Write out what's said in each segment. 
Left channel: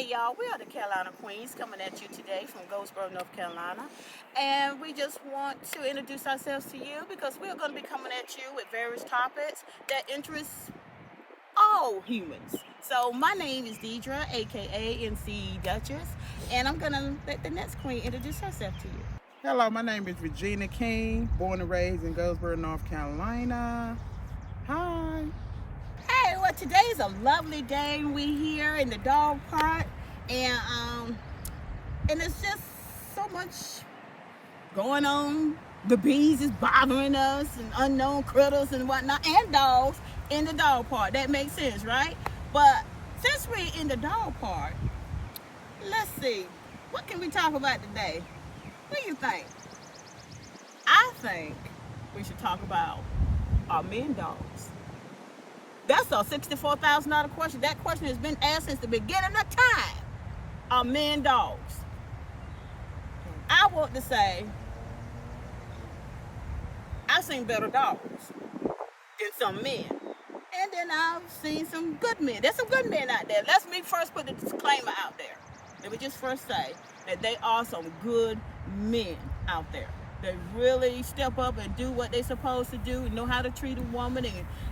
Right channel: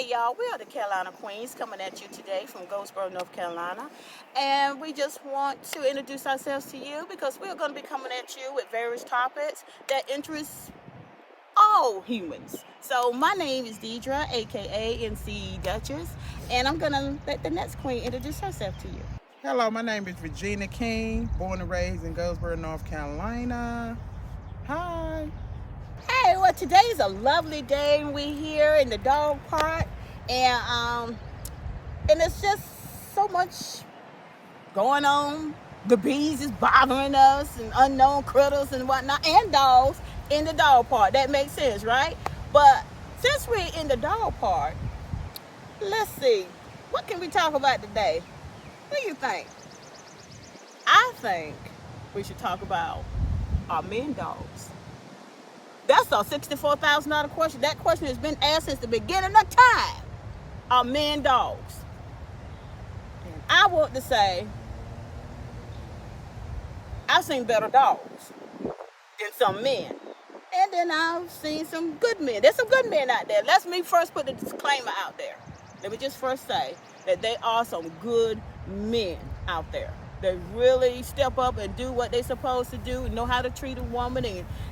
Hey y'all, we are the Carolina Queens coming at you today from Goldsboro, North Carolina. And we just want to introduce ourselves to you because we're going to be coming at you with various topics that interest all humans. So my name is Deidre, aka MC Duchess, and I'm going to let the next queen introduce herself to you. Hello, my name is Regina King, born and raised in Goldsboro, North Carolina. Hi. Hey, well today's a lovely day. We here in the dog park and and it's just so much going on. The bees is bothering us and unknown critters and whatnot, and dogs in the dog park. That makes sense, right? But since we're in the dog park, let's see. What can we talk about today? What do you think? I think we should talk about our men dogs. That's a $64,000 question. That question has been asked since the beginning of time. Our men dogs. And I want to say I've seen better dogs than some men. And then I've seen some good men. There's some good men out there. Let me first put the disclaimer out there. Let me just first say that there are some good men out there that really step up and do what they're supposed to do and know how to treat a woman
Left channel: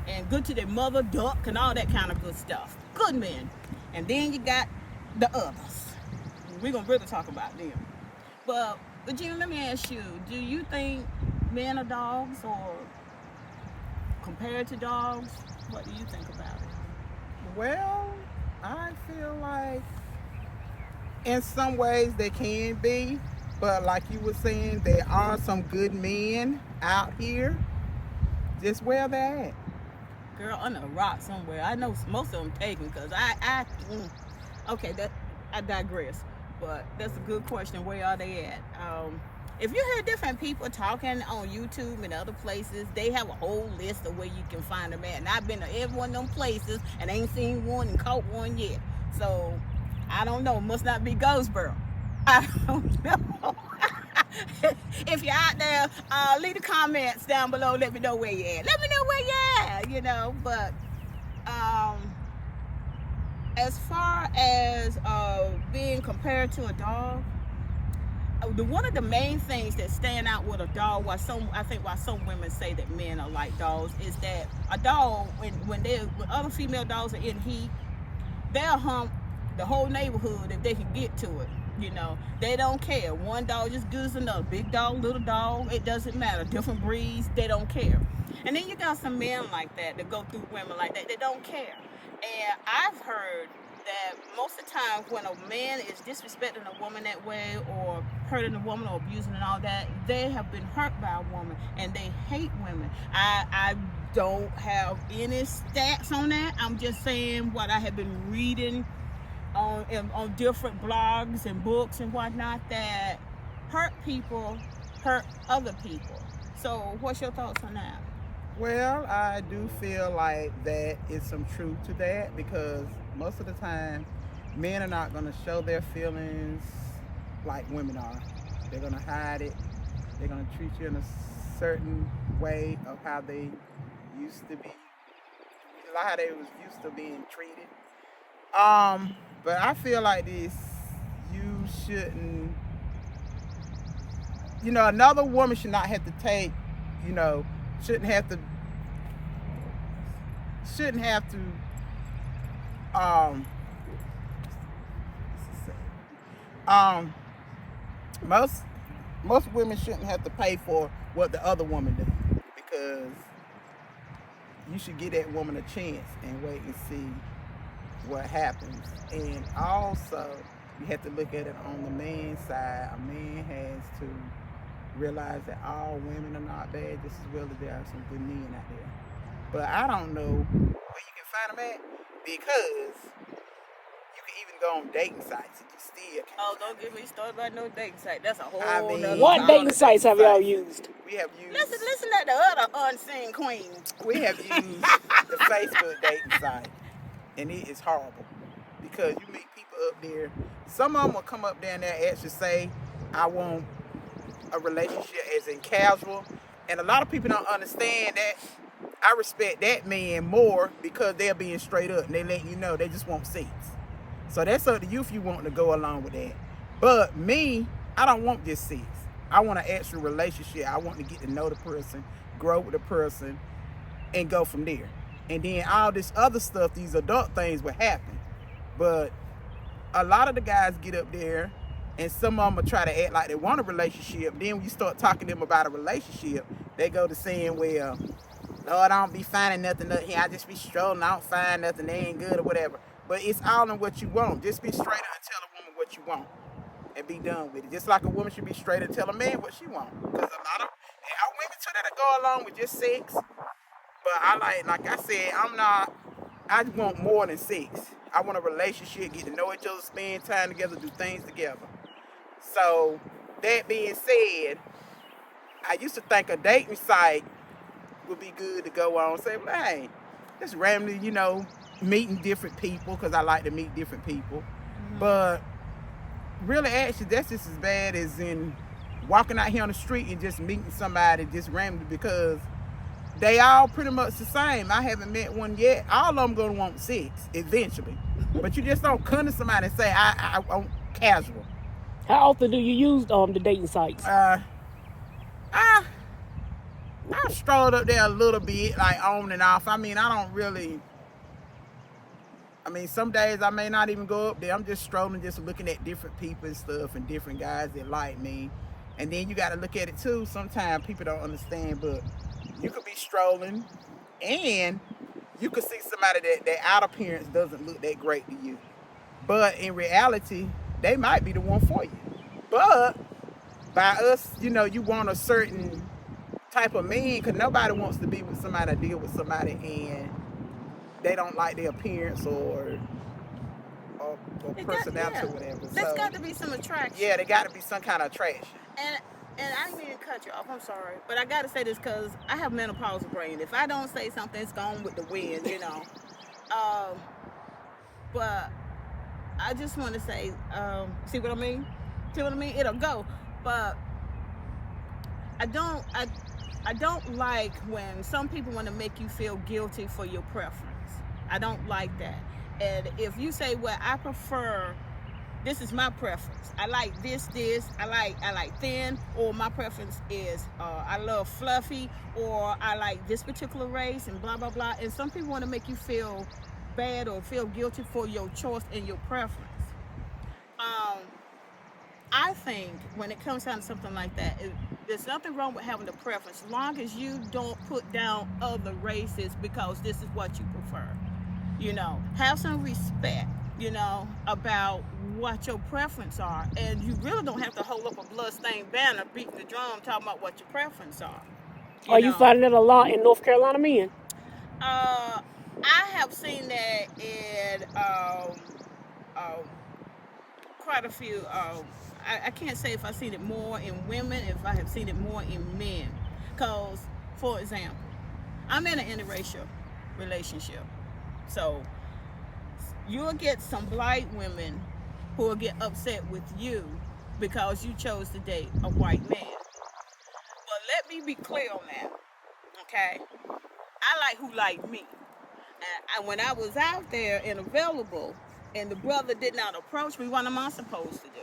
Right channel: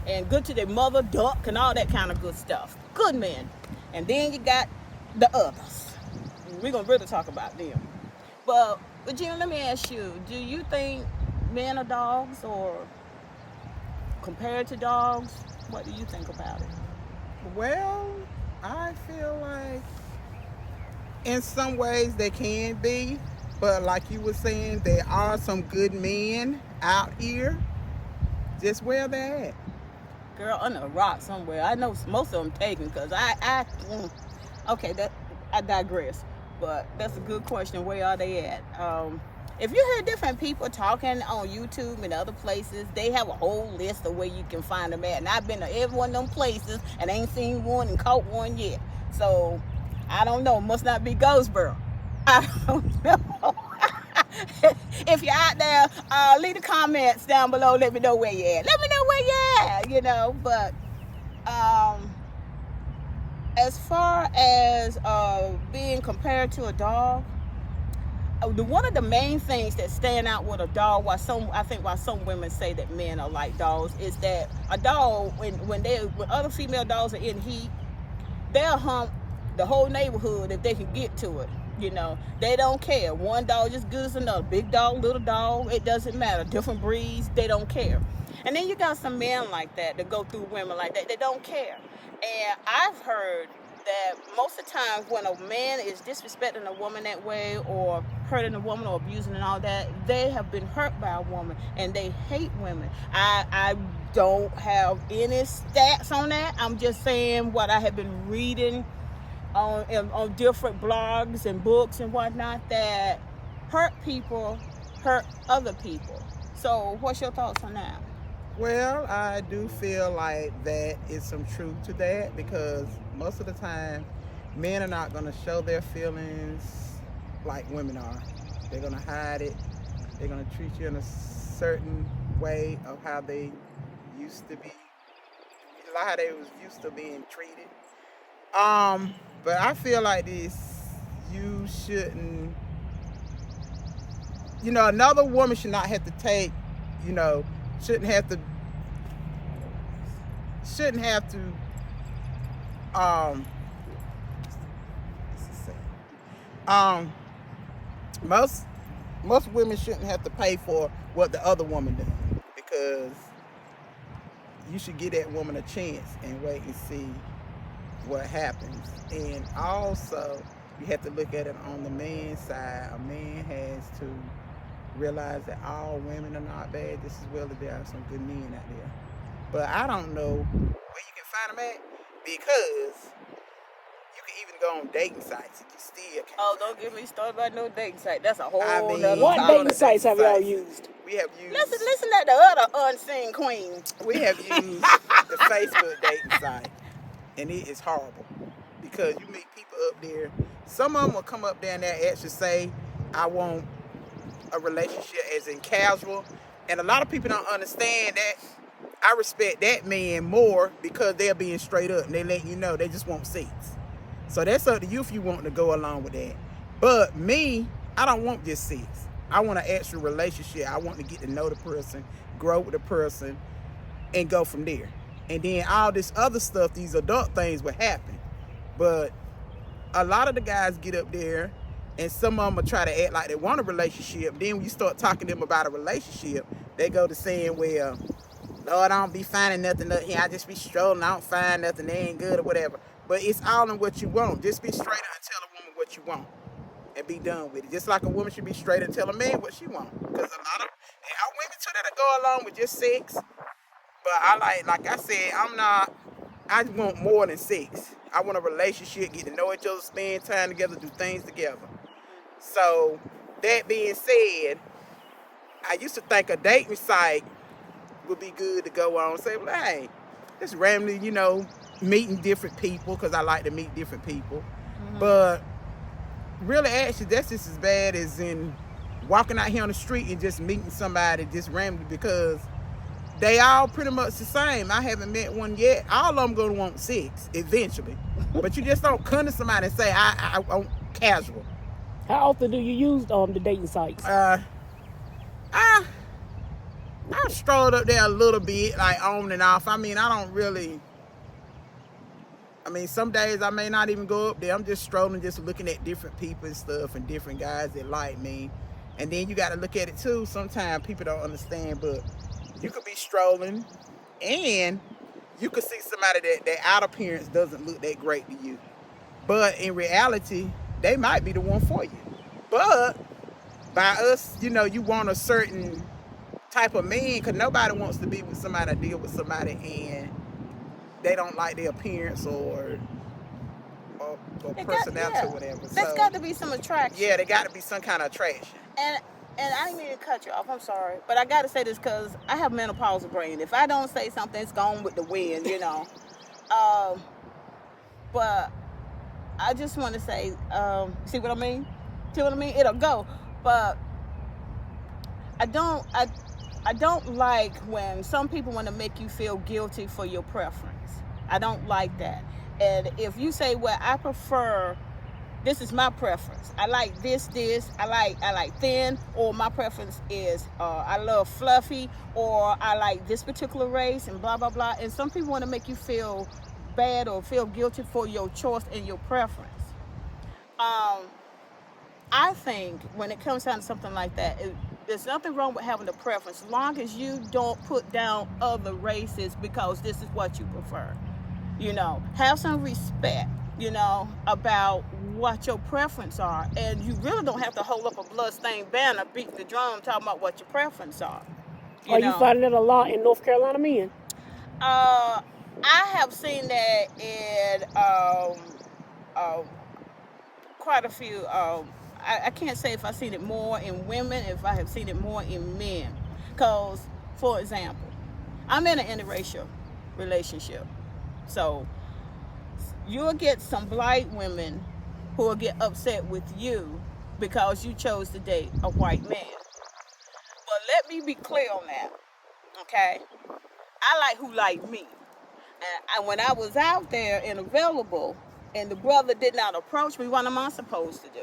and good to their mother duck and all that kind of good stuff. Good men. And then you got the others. We're going to really talk about them. But, Regina, let me ask you, do you think men are dogs or compared to dogs? What do you think about it? Well, I feel like in some ways they can be, but like you were saying, there are some good men out here just where they're at. Girl, under a rock somewhere. I know most of them taken because okay, I digress. But that's a good question. Where are they at? If you hear different people talking on YouTube and other places, they have a whole list of where you can find them at. And I've been to every one of them places and ain't seen one and caught one yet. So I don't know. Must not be Goldsboro. I don't know. If you're out there, leave the comments down below. Let me know where you're at. Let me know where you're at, But as far as being compared to a dog, one of the main things that stand out with a dog, why some women say that men are like dogs, is that a dog, when other female dogs are in heat, they'll hump the whole neighborhood if they can get to it. They don't care. One dog just good as another. Big dog, little dog, it doesn't matter. Different breeds, they don't care. And then you got some men like that go through women like that. They don't care. And I've heard that most of the time when a man is disrespecting a woman that way or hurting a woman or abusing and all that, they have been hurt by a woman and they hate women. I don't have any stats on that. I'm just saying what I have been reading on different blogs and books and whatnot, that hurt people hurt other people. So what's your thoughts on that? Well, I do feel like that is some truth to that because most of the time men are not going to show their feelings like women are. They're going to hide it. They're going to treat you in a certain way of how they used to be, how they was used to being treated. But I feel like this, you shouldn't, another woman should not have to take, shouldn't have to, um, um, most women shouldn't have to pay for what the other woman does because you should give that woman a chance and wait and see what happens. And also you have to look at it on the man's side. A man has to realize that all women are not bad just as well as there are some good men out there. But I don't know where you can find them at because you can even go on dating sites and you still can't. Oh, don't get me started about no dating site. That's a whole What dating sites have y'all used? We have used. Listen at the other unseen queen. We have used the Facebook dating site, and it is horrible because you meet people up there. Some of them will come up there and they'll actually say, "I want a relationship as in casual," and a lot of people don't understand that. I respect that man more because they're being straight up and they let you know they just want sex. So that's up to you if you want to go along with that. But me, I don't want just sex. I want an actual relationship. I want to get to know the person, grow with the person, and go from there. And then all this other stuff, these adult things will happen. But a lot of the guys get up there, and some of them will try to act like they want a relationship. Then when you start talking to them about a relationship, they go to saying, well, Lord, I don't be finding nothing up here. I just be strolling. I don't find nothing. They ain't good or whatever. But it's all in what you want. Just be straight up and tell a woman what you want and be done with it. Just like a woman should be straight and tell a man what she want. Because a lot of women too that go along with just sex. But I like I said, I want more than sex. I want a relationship, get to know each other, spend time together, do things together. So that being said, I used to think a dating site would be good to go on. Say, well, hey, just randomly, meeting different people, because I like to meet different people. Mm-hmm. But really, actually, that's just as bad as in walking out here on the street and just meeting somebody just randomly, because they all pretty much the same. I haven't met one yet. All of them gonna want sex eventually. But you just don't come to somebody and say, I want casual. How often do you use the dating sites? I strolled up there a little bit, like on and off. I some days I may not even go up there. I'm just strolling, just looking at different people and stuff, and different guys that like me. And then you got to look at it too. Sometimes people don't understand, but you could be strolling and you could see somebody that outer appearance doesn't look that great to you. But in reality, they might be the one for you. But by us, you want a certain type of man, because nobody wants to be with somebody or deal with somebody and they don't like their appearance or personality or whatever. There's got to be some attraction. Yeah, there got to be some kind of attraction. And I didn't mean to cut you off. I'm sorry. But I got to say this because I have menopausal brain. If I don't say something, it's gone with the wind, But I just want to say, see what I mean? See what I mean? It'll go. But I don't like when some people want to make you feel guilty for your preference. I don't like that. And if you say, well, I prefer, this is my preference. I like this, I like thin, or my preference is, I love fluffy, or I like this particular race, and blah, blah, blah. And some people want to make you feel bad or feel guilty for your choice and your preference. I think when it comes down to something like that, there's nothing wrong with having a preference, as long as you don't put down other races because this is what you prefer. Have some respect, about what your preference are. And you really don't have to hold up a bloodstained banner, beating the drum, talking about what your preference are. You finding it a lot in North Carolina men? I have seen that in quite a few. I can't say if I've seen it more in women, if I have seen it more in men. Because, for example, I'm in an interracial relationship. So you'll get some black women who will get upset with you because you chose to date a white man. Well, let me be clear on that, okay? I like who like me. And when I was out there and available, and the brother did not approach me, what am I supposed to do?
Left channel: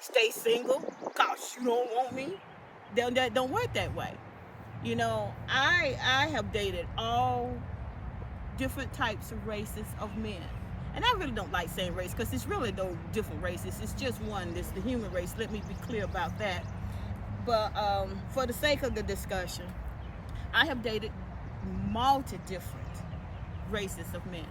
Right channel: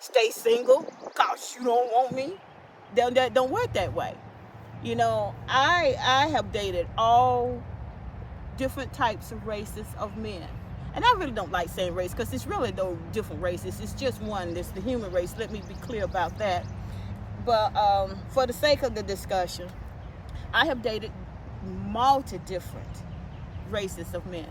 Stay single because you don't want me? That don't work that way. I have dated all different types of races of men. And I really don't like saying race because it's really no different races. It's just one. It's the human race. Let me be clear about that. But for the sake of the discussion, I have dated multiple different races of men.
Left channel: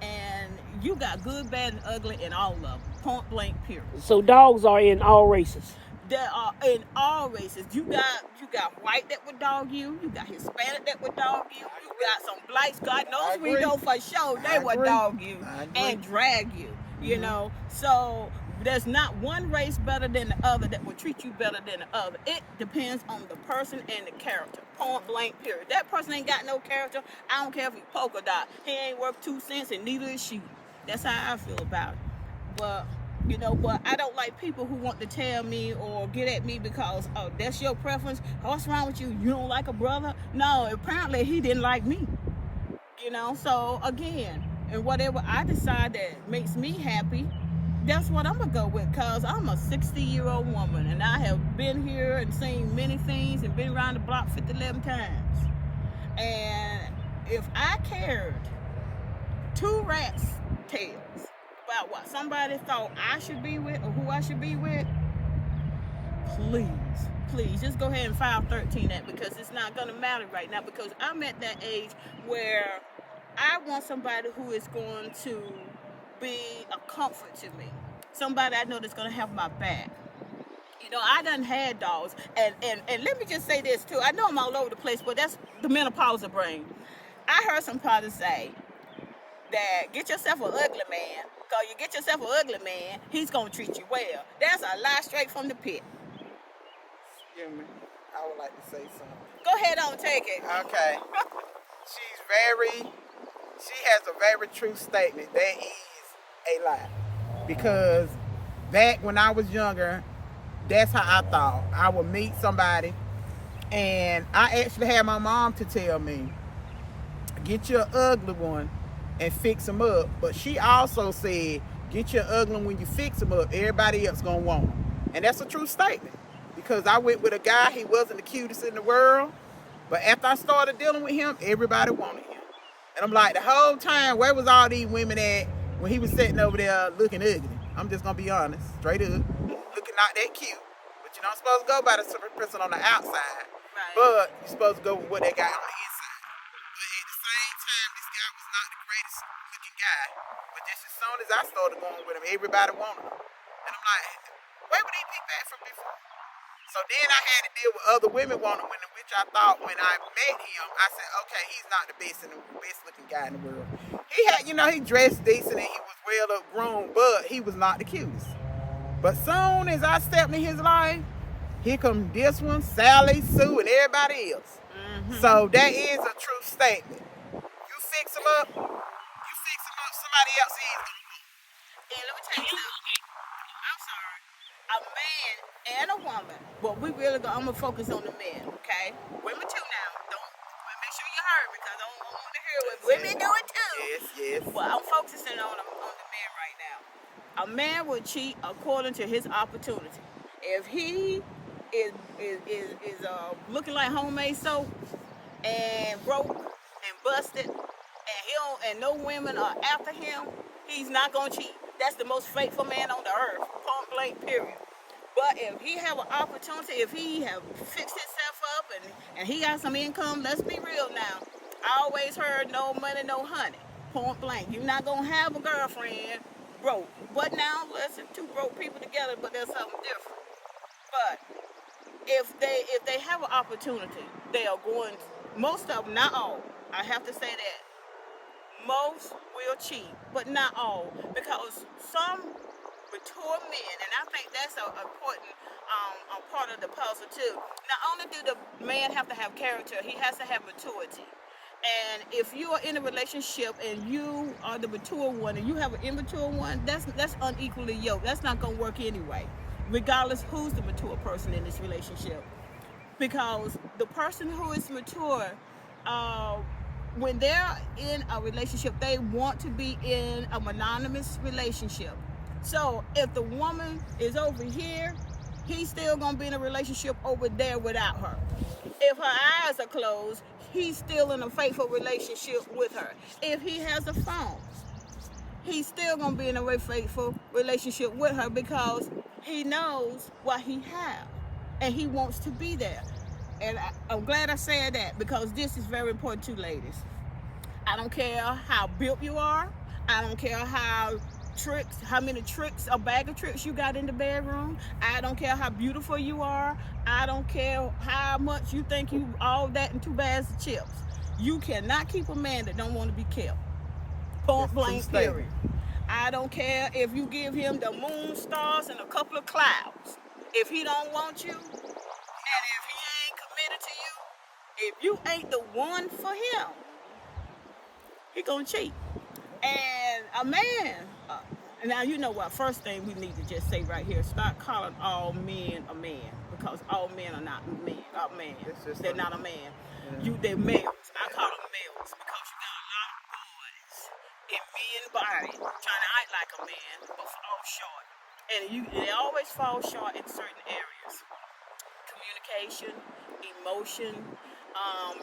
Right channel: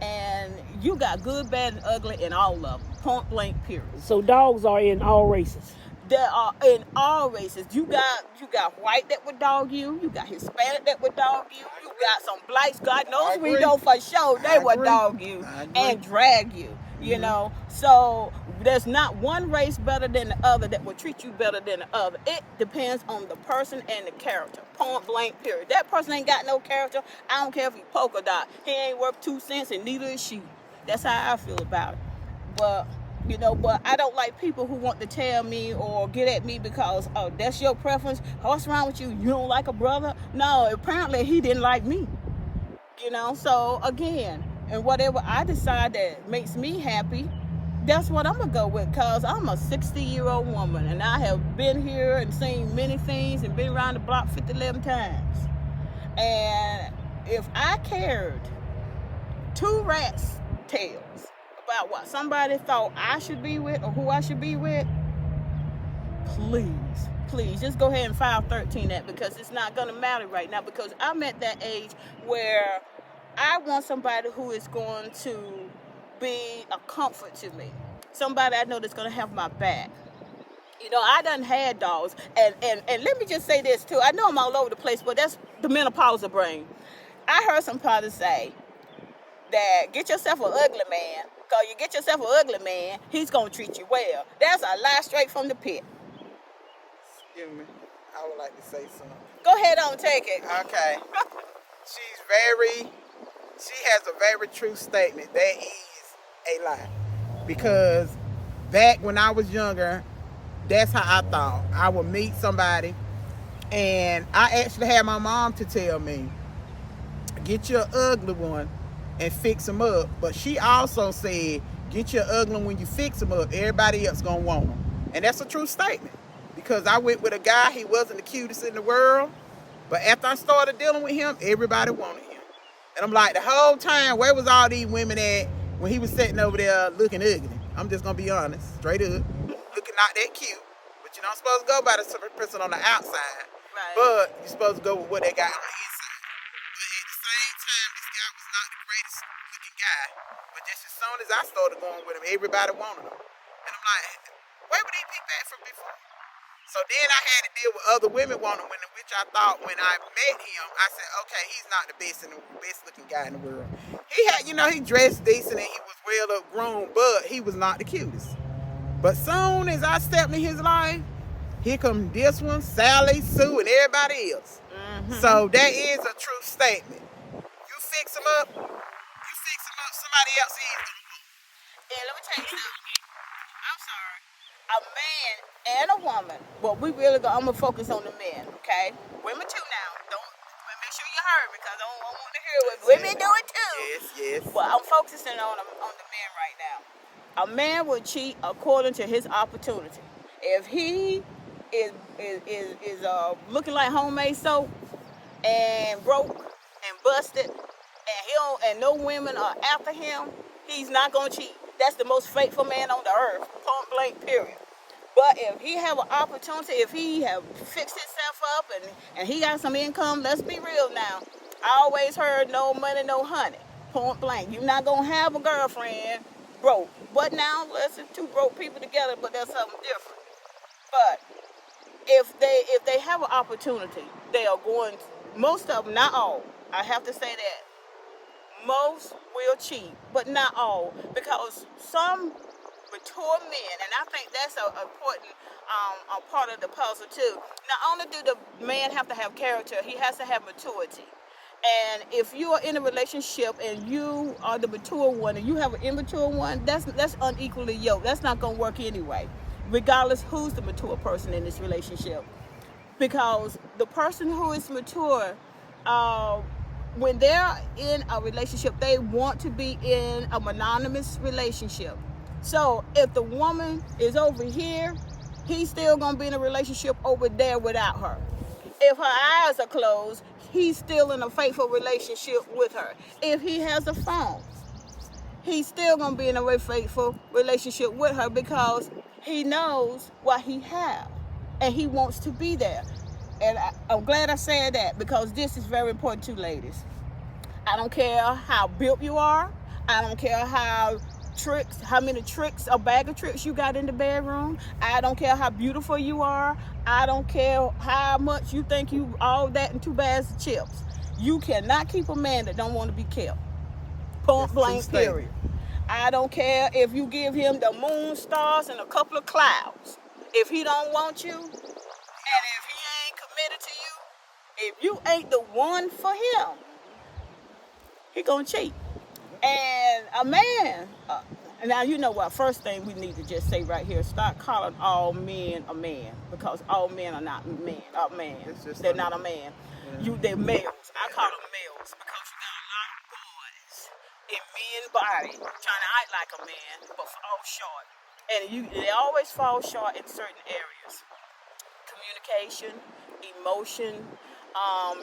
And you got good, bad, and ugly in all of them. Point blank, period. So dogs are in all races? They are in all races. You got white that would dog you. You got Hispanic that would dog you. You got some blacks. God knows we know for sure they would dog you and drag you. So there's not one race better than the other that will treat you better than the other. It depends on the person and the character. Point blank, period. That person ain't got no character. I don't care if he polka dot. He ain't worth 2 cents and neither is she. That's how I feel about it. But I don't like people who want to tell me or get at me because, oh, that's your preference. What's wrong with you? You don't like a brother? No, apparently he didn't like me. So again, and whatever I decide that makes me happy, That's what I'm gonna go with, because I'm a 60-year-old woman and I have been here and seen many things and been around the block 11 times. And if I cared two rats' tails about what somebody thought I should be with or who I should be with, please, just go ahead and file 13 that, because it's not gonna matter right now, because I'm at that age where I want somebody who is going to be a comfort to me. Somebody I know that's going to have my back. You know, I done had dogs. And let me just say this, too. I know I'm all over the place, but that's the menopausal brain. I heard somebody say that get yourself an ugly man, because you get yourself an ugly man, he's going to treat you well. That's a lie straight from the pit. Excuse me. I would like to say something. Go ahead on, take it. Okay. She has a very true statement. That is a lie. Because back when I was younger, that's how I thought. I would meet somebody, and I actually had my mom to tell me, get your ugly one and fix them up. But she also said, get your ugly one when you fix them up, everybody else gonna want them. And that's a true statement. Because I went with a guy, he wasn't the cutest in the world, but after I started dealing with him, everybody wanted him. And I'm like, the whole time, where was all these women at when he was sitting over there looking ugly? I'm just gonna be honest, straight up, looking not that cute. But you're not supposed to go by the person on the outside, Right. but you're supposed to go with what they got on the inside. But at the same time, this guy was not the greatest looking guy. But just as soon as I started going with him, everybody wanted him. And I'm like, where were these people at from before? So then I had to deal with other women wanting him, which I thought when I met him, I said, okay, he's not the best looking guy in the world. He had, he dressed decent and he was well up grown, but he was not the cutest. But soon as I stepped in his life, here come this one, Sally, Sue, and everybody else. Mm-hmm. So that is a true statement. You fix them up, somebody else is going to move. And let me tell you something. I'm sorry. A man and a woman. Well, I'm gonna focus on the men, okay? Women too now. Make sure you heard me, because I don't want to hear what women do it too. Yes. But I'm focusing on the men right now. A man will cheat according to his opportunity. If he is looking like homemade soap and broke and busted, and no women are after him, he's not gonna cheat. That's the most faithful man on the earth, point blank, period. But if he have an opportunity, if he have fixed himself up and he got some income, let's be real now. I always heard no money, no honey, point blank. You're not gonna have a girlfriend broke. But now, let's see two broke people together, but that's something different. But if they have an opportunity, they are going to, most of them, not all, I have to say that, most will cheat, but not all, because some mature men, and I think that's an important part of the puzzle too. Not only do the man have to have character, he has to have maturity. And if you are in a relationship and you are the mature one and you have an immature one, that's unequally yoked. That's not going to work anyway, regardless who's the mature person in this relationship. Because the person who is mature, when they're in a relationship, they want to be in a monogamous relationship. So if the woman is over here, he's still going to be in a relationship over there without her. If her eyes are closed, he's still in a faithful relationship with her. If he has a phone, he's still going to be in a very faithful relationship with her, because he knows what he has and he wants to be there. And I'm glad I said that, because this is very important too, ladies. I don't care how built you are. I don't care how many tricks, a bag of tricks you got in the bedroom. I don't care how beautiful you are. I don't care how much you think you all that in 2 bags of chips. You cannot keep a man that don't want to be kept. Point blank, period. I don't care if you give him the moon, stars, and a couple of clouds. If he don't want you, and if he ain't committed to you, if you ain't the one for him, he gonna cheat. And a man, now you know what, first thing we need to just say right here, stop calling all men a man, because all men are not men. They're not a man. Yeah. They're males. I call them males because you got a lot of boys in men's body trying to act like a man, but fall short. And they always fall short in certain areas: communication, emotion,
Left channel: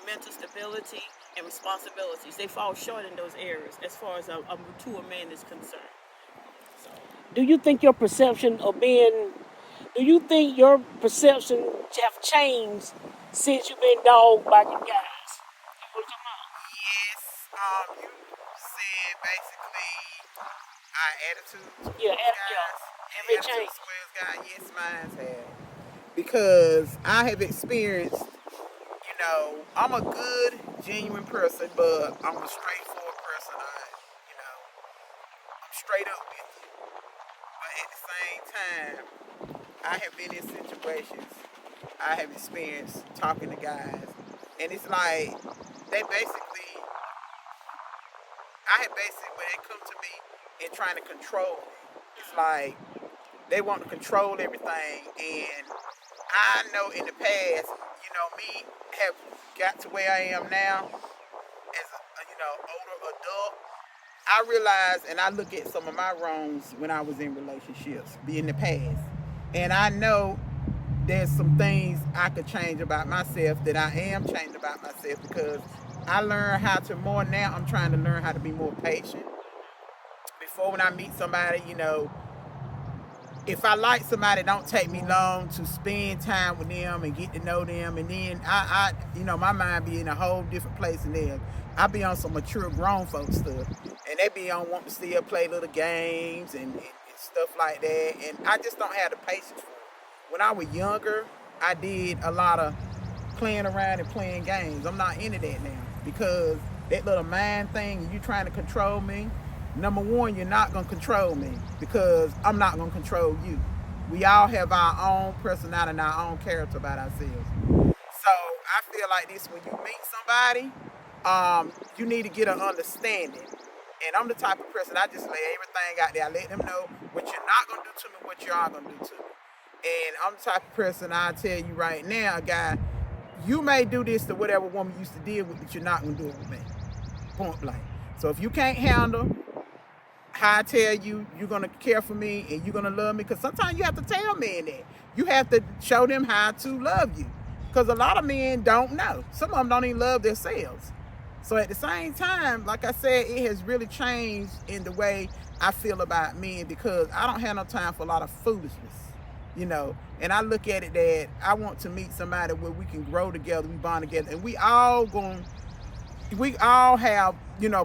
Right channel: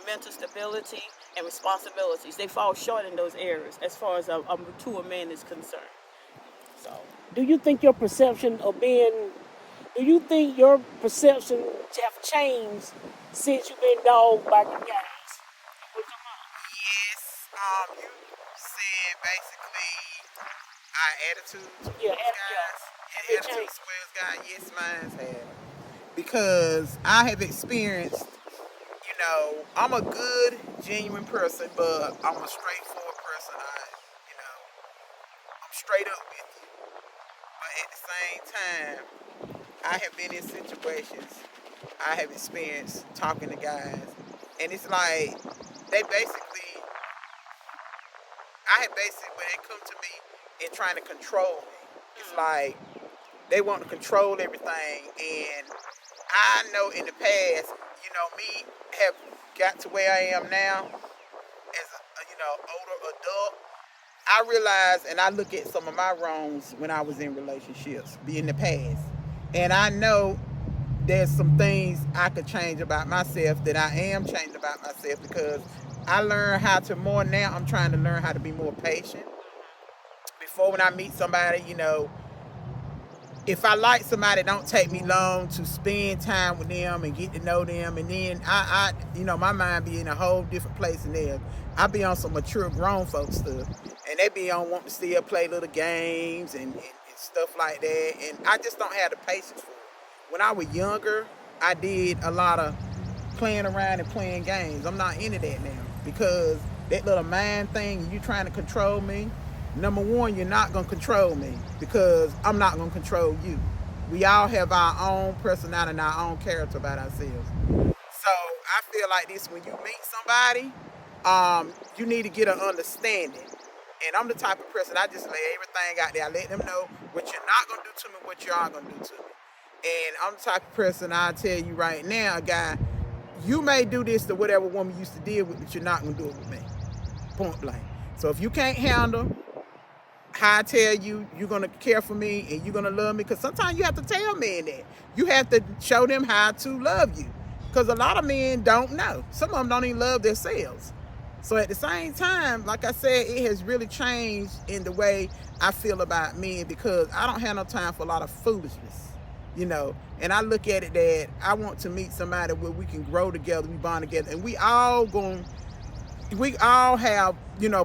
mental stability, and responsibilities. They fall short in those areas as far as a mature man is concerned. So, Do you think your perception of being, do you think your perception have changed since you've been dogged by your guys? Yes, you said basically our attitude towards Yeah, guys, and It attitude changed. towards guys. Yes, mine have. Because I have experienced, I'm a good, genuine person, but I'm a straightforward person. I'm straight up with you. But at the same time, I have been in situations, I have experienced talking to guys, and it's like they basically, when they come to me and trying to control me, it's like they want to control everything. And I know in the past, me have got to where I am now as older adult. I realize and I look at some of my wrongs when I was in relationships, be in the past. And I know there's some things I could change about myself, that I am changing about myself, because I learn how to more now. I'm trying to learn how to be more patient. Before, when I meet somebody, if I like somebody, it don't take me long to spend time with them and get to know them. And then my mind be in a whole different place than theirs. I be on some mature grown folk stuff, and they be on wanting to still play little games and stuff like that. And I just don't have the patience for it. When I was younger, I did a lot of playing around and playing games. I'm not into that now, because that little mind thing, you trying to control me. Number one, you're not going to control me, because I'm not going to control you. We all have our own personality and our own character about ourselves. So I feel like this: when you meet somebody, you need to get an understanding. And I'm the type of person, I just lay everything out there. I let them know what you're not going to do to me, what you are going to do to me. And I'm the type of person, I'll tell you right now, guy, you may do this to whatever woman you used to deal with, but you're not going to do it with me. Point blank. So if you can't handle how I tell you, you're going to care for me and you're going to love me, because sometimes you have to tell men that. You have to show them how to love you, because a lot of men don't know. Some of them don't even love themselves. So at the same time, like I said, it has really changed in the way I feel about men, because I don't have no time for a lot of foolishness, and I look at it that I want to meet somebody where we can grow together, we bond together, and we all have,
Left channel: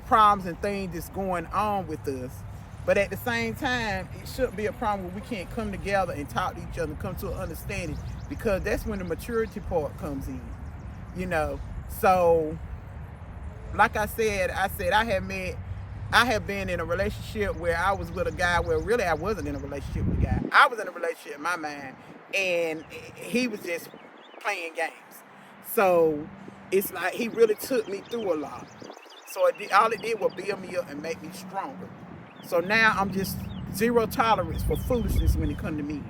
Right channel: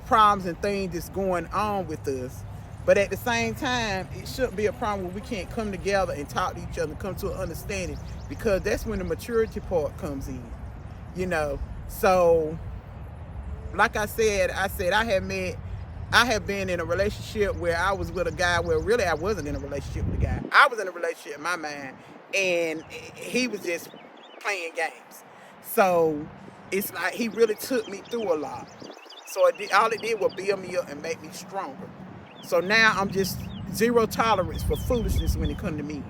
problems and things that's going on with us. But at the same time, it shouldn't be a problem where we can't come together and talk to each other and come to an understanding, because that's when the maturity part comes in, So, like I said, I have been in a relationship where I was with a guy where really I wasn't in a relationship with a guy. I was in a relationship in my mind, and he was just playing games. So it's like he really took me through a lot. So all it did was build me up and make me stronger. So now I'm just zero tolerance for foolishness when it comes to me.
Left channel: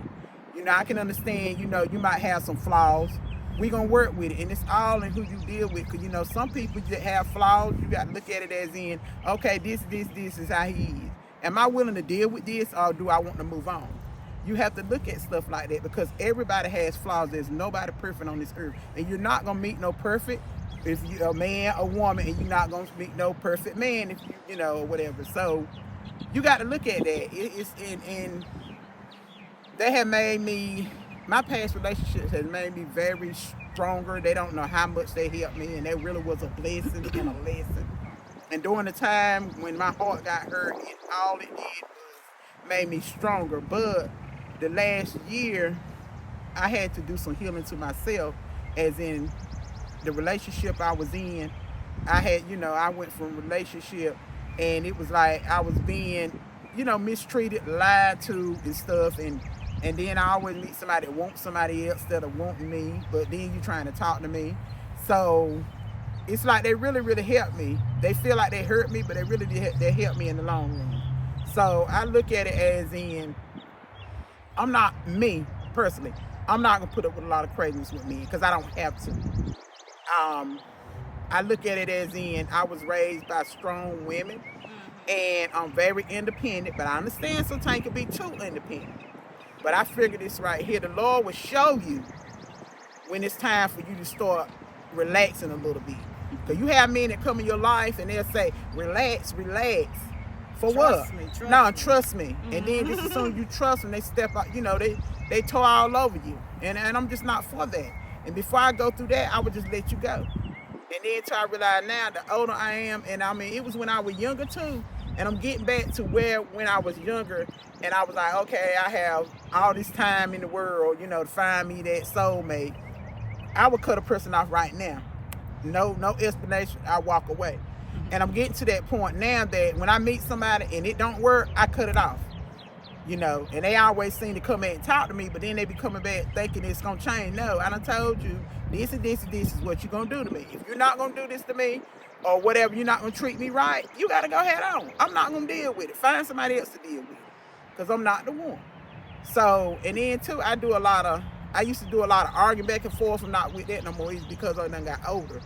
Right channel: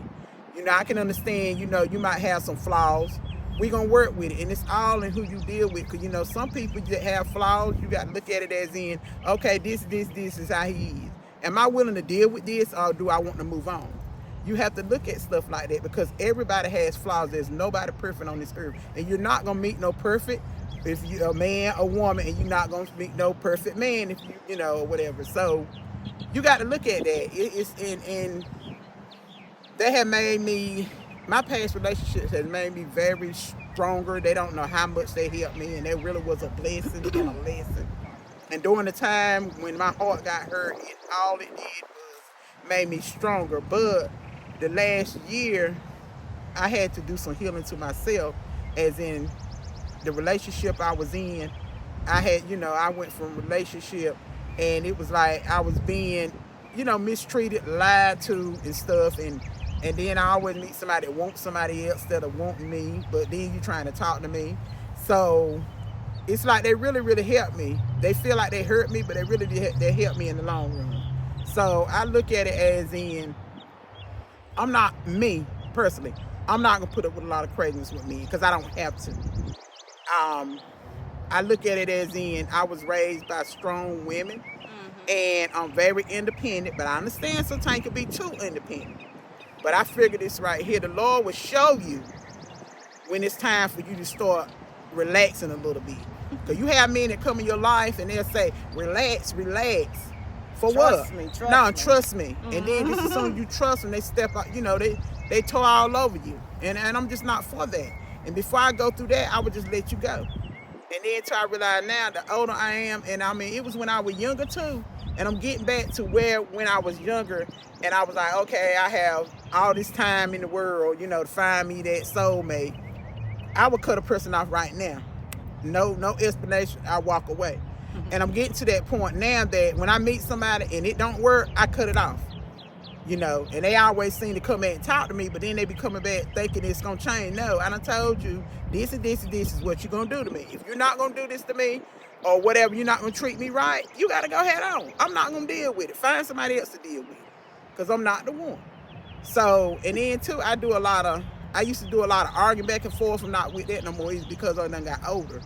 I can understand, you might have some flaws. We're going to work with it. And it's all in who you deal with. Because, some people that have flaws, you got to look at it as in, okay, this is how he is. Am I willing to deal with this, or do I want to move on? You have to look at stuff like that, because everybody has flaws. There's nobody perfect on this earth. And you're not going to meet no perfect, if you're a man or woman, and you're not going to meet no perfect man if you, or whatever. So you got to look at that. And they have made me, my past relationships has made me very stronger. They don't know how much they helped me, and that really was a blessing and a lesson. And during the time when my heart got hurt, all it did was made me stronger. But the last year, I had to do some healing to myself, as in the relationship I was in. I went from relationship, and it was like I was being, mistreated, lied to and stuff. And then I always meet somebody that wants somebody else instead of wanting me, but then you trying to talk to me. So it's like they really, really helped me. They feel like they hurt me, but they helped me in the long run. So I look at it as in, I'm not, me personally, I'm not going to put up with a lot of craziness with me, because I don't have to. I look at it as in, I was raised by strong women. And I'm very independent, but I understand sometimes you can be too independent. But I figured this right here, the Lord will show you when it's time for you to start relaxing a little bit. Because you have men that come in your life and they'll say, relax, relax. For Trust what? me, No, me. trust me. And then just as soon as you trust them, they step out, they tore all over you. And I'm just not for that. And before I go through that, I would just let you go. And then until I realize now, the older I am, and I mean, it was when I was younger too. And I'm getting back to where when I was younger, and I was like, okay, I have all this time in the world, to find me that soulmate. I would cut a person off right now. No explanation. I walk away. And I'm getting to that point now that when I meet somebody and it don't work, I cut it off. And they always seem to come back and talk to me, but then they be coming back thinking it's gonna change. No, I done told you this and this and this is what you're gonna do to me. If you're not gonna do this to me or whatever, you're not gonna treat me right, you gotta go head on. I'm not gonna deal with it. Find somebody else to deal with it, because I'm not the one. So, and then too, I used to do a lot of arguing back and forth. I'm not with that no more. It's because I done got older.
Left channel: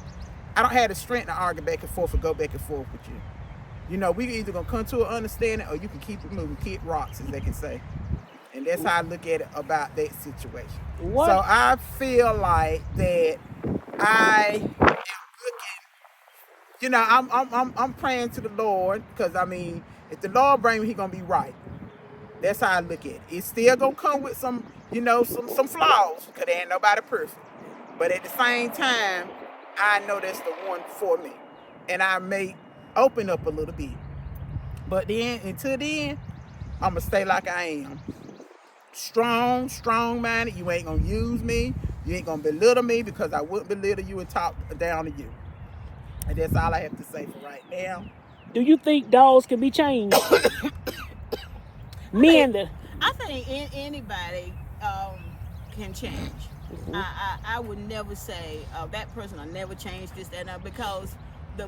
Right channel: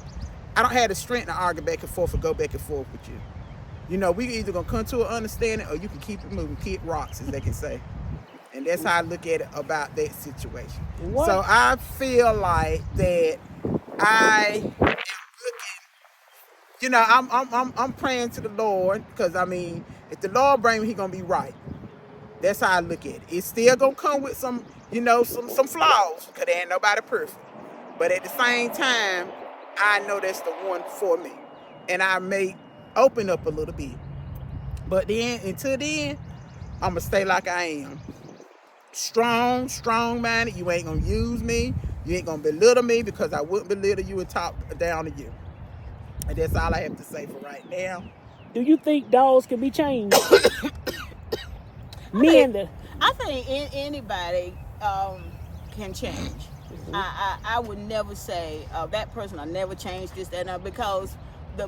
I don't have the strength to argue back and forth or go back and forth with you. We either gonna come to an understanding or you can keep it moving, kick rocks, as they can say. And that's how I look at it about that situation. What? So I feel like that I am looking, I'm praying to the Lord, because I mean, if the Lord bring me, He gonna be right. That's how I look at it. It's still gonna come with some flaws, because there ain't nobody perfect. But at the same time, I know that's the one for me. And I may open up a little bit. But then, until then, I'm going to stay like I am. Strong-minded. You ain't going to use me. You ain't going to belittle me, because I wouldn't belittle you and talk down to you. And that's all I have to say for right now. Do you think dogs can be changed? Men, I think anybody can change. I would never say that person, I never changed this, that, and that, because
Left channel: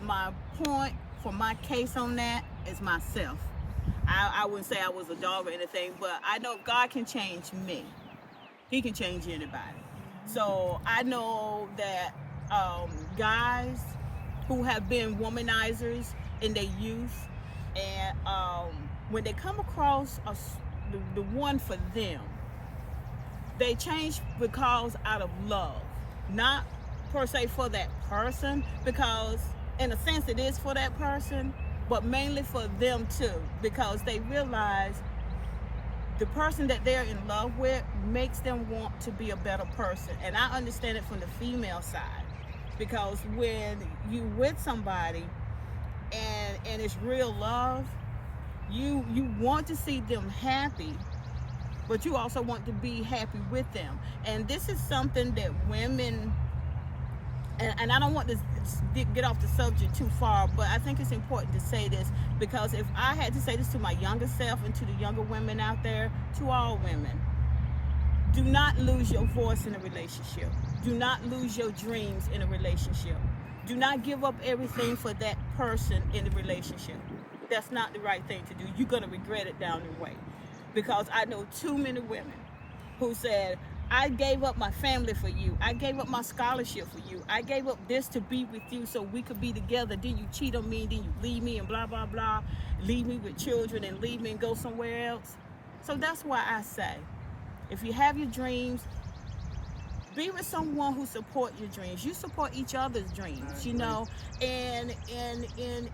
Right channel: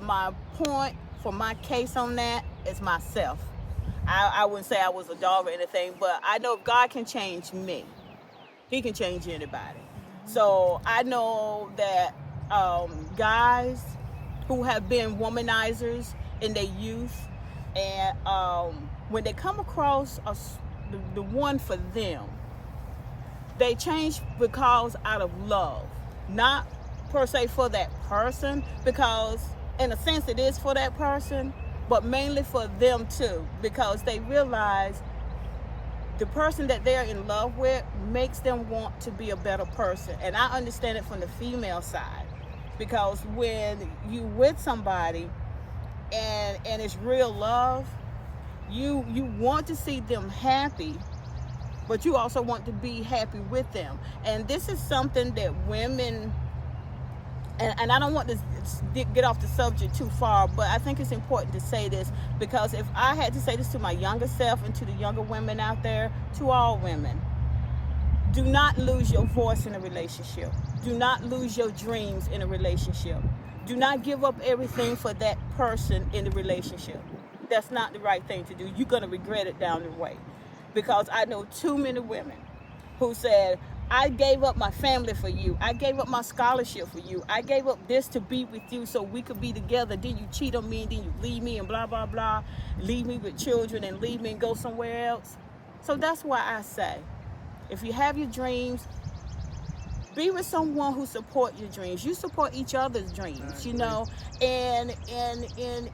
my point for my case on that is myself. I wouldn't say I was a dog or anything, but I know if God can change me, He can change anybody. So I know that guys who have been womanizers in their youth, and when they come across the one for them, they change because out of love, not per se for that person, because in a sense it is for that person, but mainly for them too, because they realize the person that they're in love with makes them want to be a better person. And I understand it from the female side, because when you with somebody and it's real love, you want to see them happy, but you also want to be happy with them. And this is something that women, and I don't want to get off the subject too far, but I think it's important to say this, because if I had to say this to my younger self and to the younger women out there, to all women, do not lose your voice in a relationship. Do not lose your dreams in a relationship. Do not give up everything for that person in the relationship. That's not the right thing to do. You're going to regret it down the way. Because I know too many women who said, I gave up my family for you. I gave up my scholarship for you. I gave up this to be with you so we could be together. Then you cheat on me, and then you leave me and blah, blah, blah. Leave me with children and leave me and go somewhere else. So that's why I say, if you have your dreams, be with someone who support your dreams. You support each other's dreams, and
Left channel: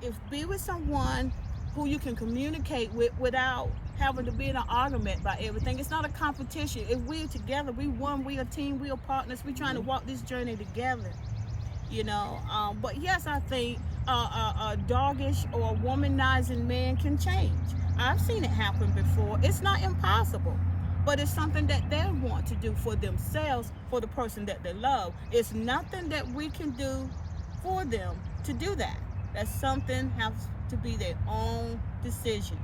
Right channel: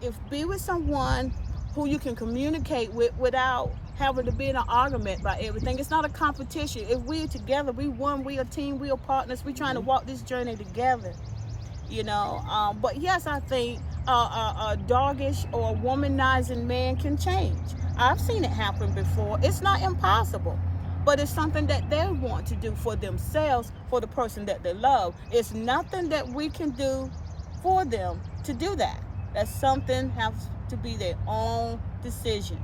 if be with someone who you can communicate with without having to be in an argument about everything. It's not a competition. If we're together, we one, we a team, we are partners. We're trying to walk this journey together, But yes, I think a doggish or a womanizing man can change. I've seen it happen before. It's not impossible, but it's something that they want to do for themselves, for the person that they love. It's nothing that we can do for them to do that. That's something has to be their own decision.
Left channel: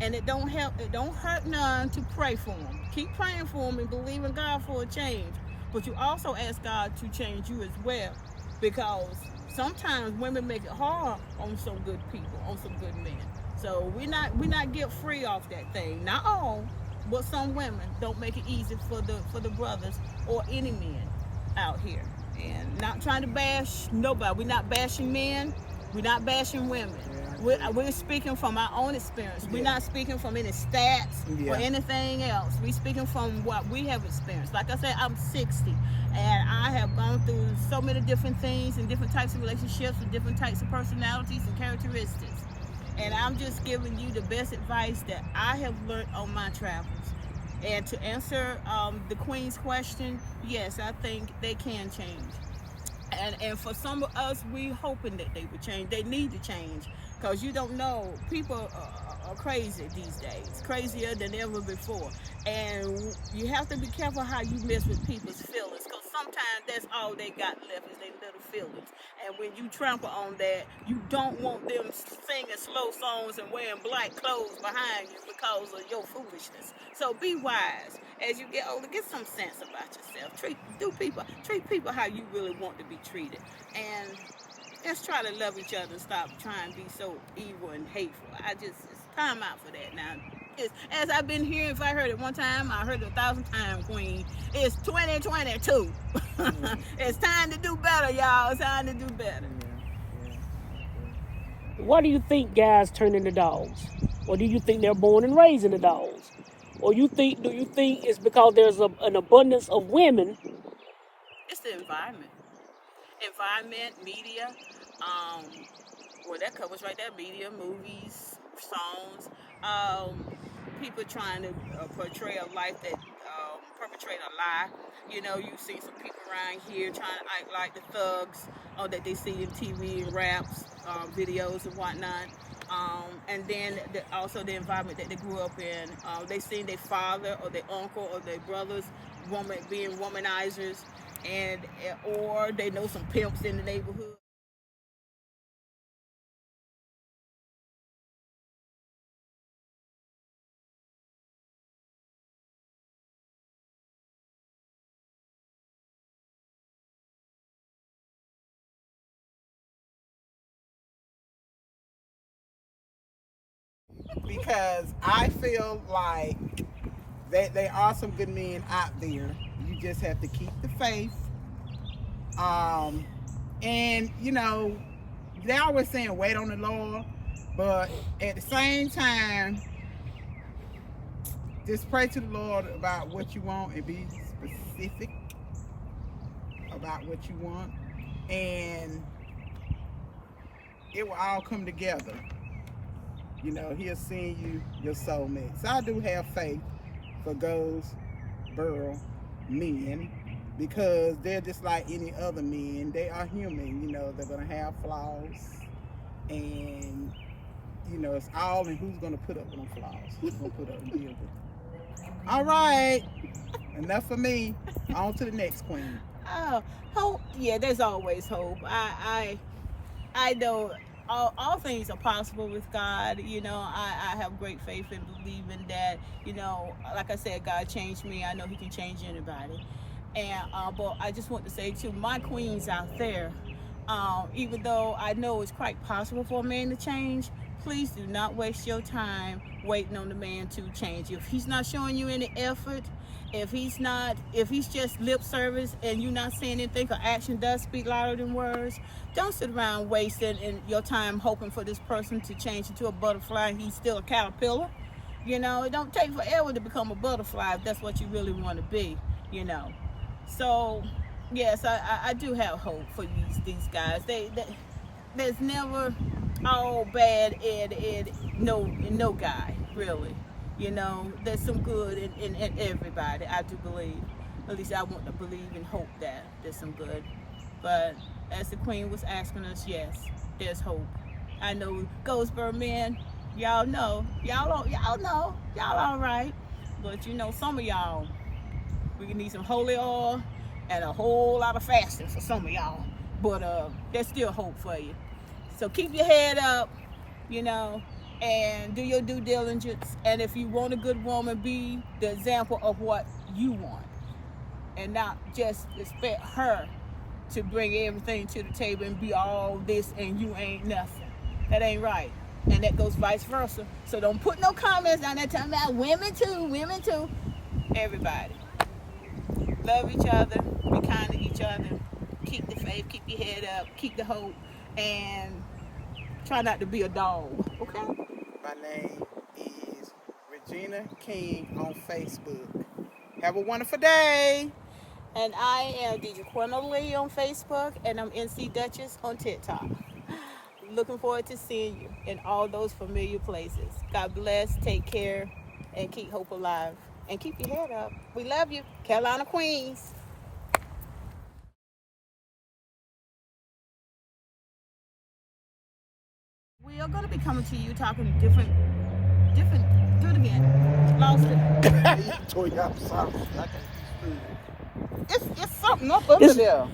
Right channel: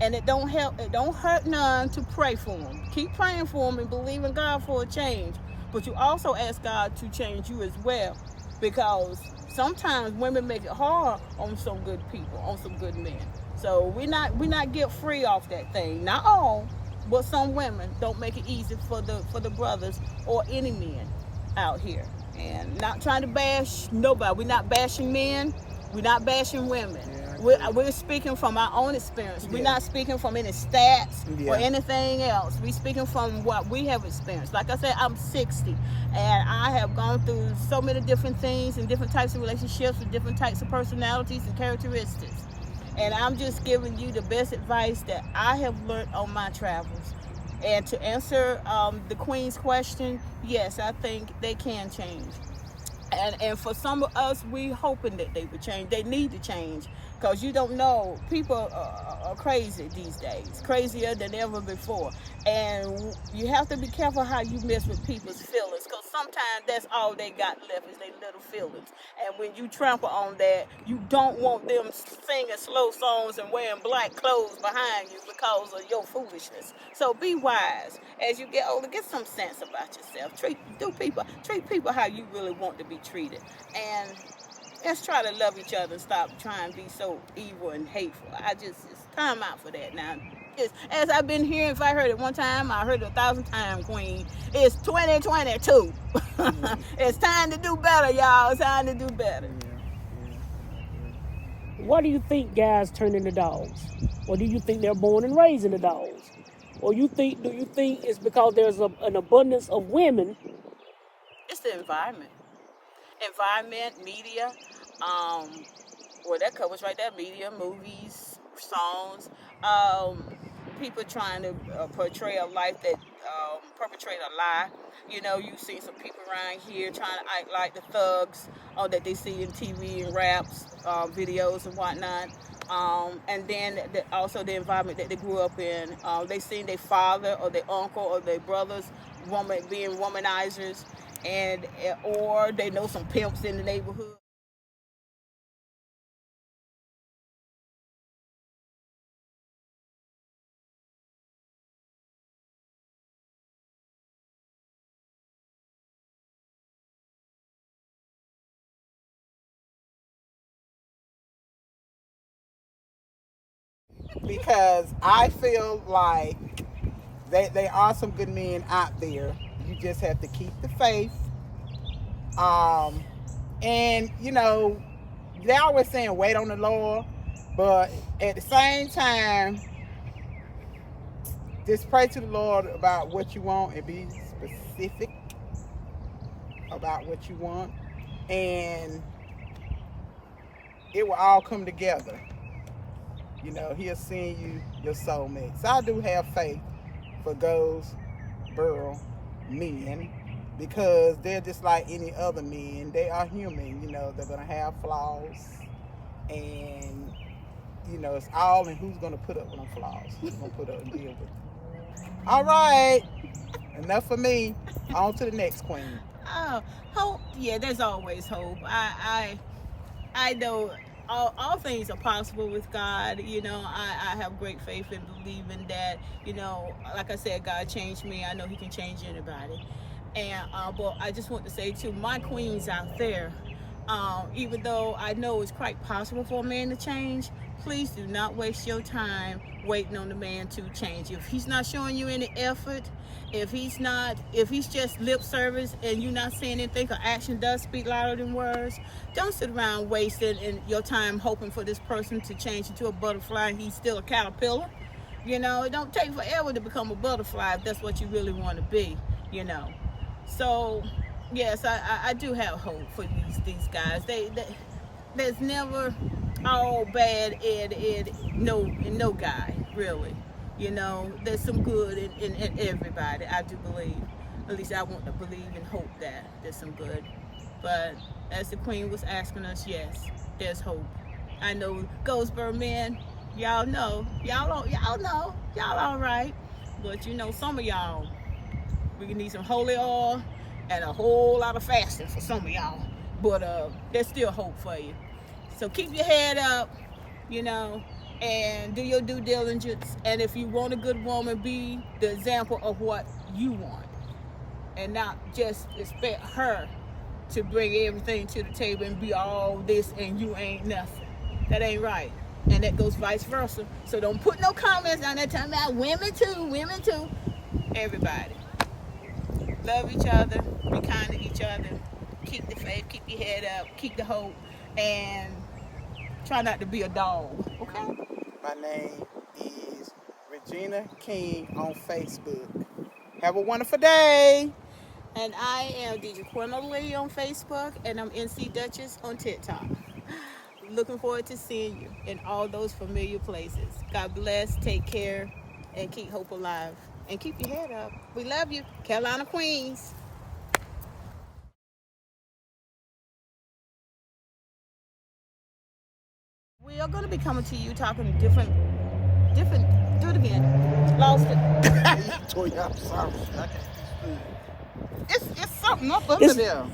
And it don't hurt none to pray for them. Keep praying for them and believe in God for a change. But you also ask God to change you as well. Because sometimes women make it hard on some good people, on some good men. So we're not get free off that thing. Not all, but some women don't make it easy for the brothers or any men out here. And not trying to bash nobody. We're not bashing men. We're not bashing women. Yeah, We're speaking from our own experience. We're Yeah. not speaking from any stats Yeah. or anything else. We're speaking from what we have experienced. Like I said, I'm 60, and I have gone through so many different things and different types of relationships and different types of personalities and characteristics. And I'm just giving you the best advice that I have learned on my travels. And to answer the Queen's question, yes, I think they can change. And for some of us, we hoping that they would change. They need to change, because you don't know. People are crazy these days, crazier than ever before. And you have to be careful how you mess with people's feelings, because sometimes that's all they got left is their little feelings. And when you trample on that, you don't want them singing slow songs and wearing black clothes behind you because of your foolishness. So be wise. As you get older, get some sense about yourself. Treat people how you really want to be treated. And let's try to love each other and stop trying to be so evil and hateful. It's time out for that now. As I've been hearing, if I heard it one time, I heard it 1,000 times, Queen. It's 2022. It's time to do better, y'all. It's time to do better. Yeah, I agree. Why do you think guys turn into dogs? Or do you think they're born and raised into dogs? Or do you think it's because there's an abundance of women? It's the environment. Media, well, that covers right there. Media, movies, songs, people trying to portray a life that perpetrate a lie. You know, you see some people around here trying to act like the thugs that they see in TV and raps, videos and whatnot. And then also the environment that they grew up in. They seen their father or their uncle or their brothers being womanizers, and or they know some pimps in the neighborhood. Because I feel like there are some good men out there. You just have to keep the faith. And you know, they always saying wait on the Lord, but at the same time, just pray to the Lord about what you want and be specific about what you want, and it will all come together. You know, He'll send you your soulmate. So I do have faith for Goldsboro men, because they're just like any other men. They are human. You know, they're gonna have flaws, and you know, it's all in who's gonna put up with them flaws. Who's gonna put up and deal with them. All right, enough for me. On to the next queen. Oh, hope. Yeah, there's always hope. I know all things are possible with God. You know, I have great faith in believing that, you know, like I said, God changed me. I know He can change anybody. And but I just want to say to my queens out there, even though I know it's quite possible for a man to change, please do not waste your time waiting on the man to change. If he's not showing you any effort, if he's just lip service and you're not saying anything, because action does speak louder than words, don't sit around wasting your time hoping for this person to change into a butterfly and he's still a caterpillar. You know, it don't take forever to become a butterfly if that's what you really want to be, you know. So, yes, I do have hope for these guys. There's never all bad in no guy, really. You know, there's some good in everybody, I do believe. At least I want to believe and hope that there's some good. But as the Queen was asking us, yes, there's hope. I know Goldsboro men, y'all know, y'all all right. But you know, some of y'all, we can need some holy oil and a whole lot of fasting for some of y'all. But there's still hope for you. So keep your head up, you know, and do your due diligence. And if you want a good woman, be the example of what you want, and not just expect her to bring everything to the table and be all this and you ain't nothing. That ain't right. And that goes vice versa. So don't put no comments down there talking about women too. Everybody. Love each other, be kind to each other, keep the faith, keep your head up, keep the hope, and Try not to be a dog, okay? My name is Regina King on Facebook. Have a wonderful day. And I am DJ Lee on Facebook, and I'm NC Duchess on TikTok. Looking forward to seeing you in all those familiar places. God bless, take care, and keep hope alive. And keep your head up. We love you. Carolina Queens. We are going to be coming to you talking different, do it again. Lost it. I'm sorry. I can't be smooth. It's something up under there.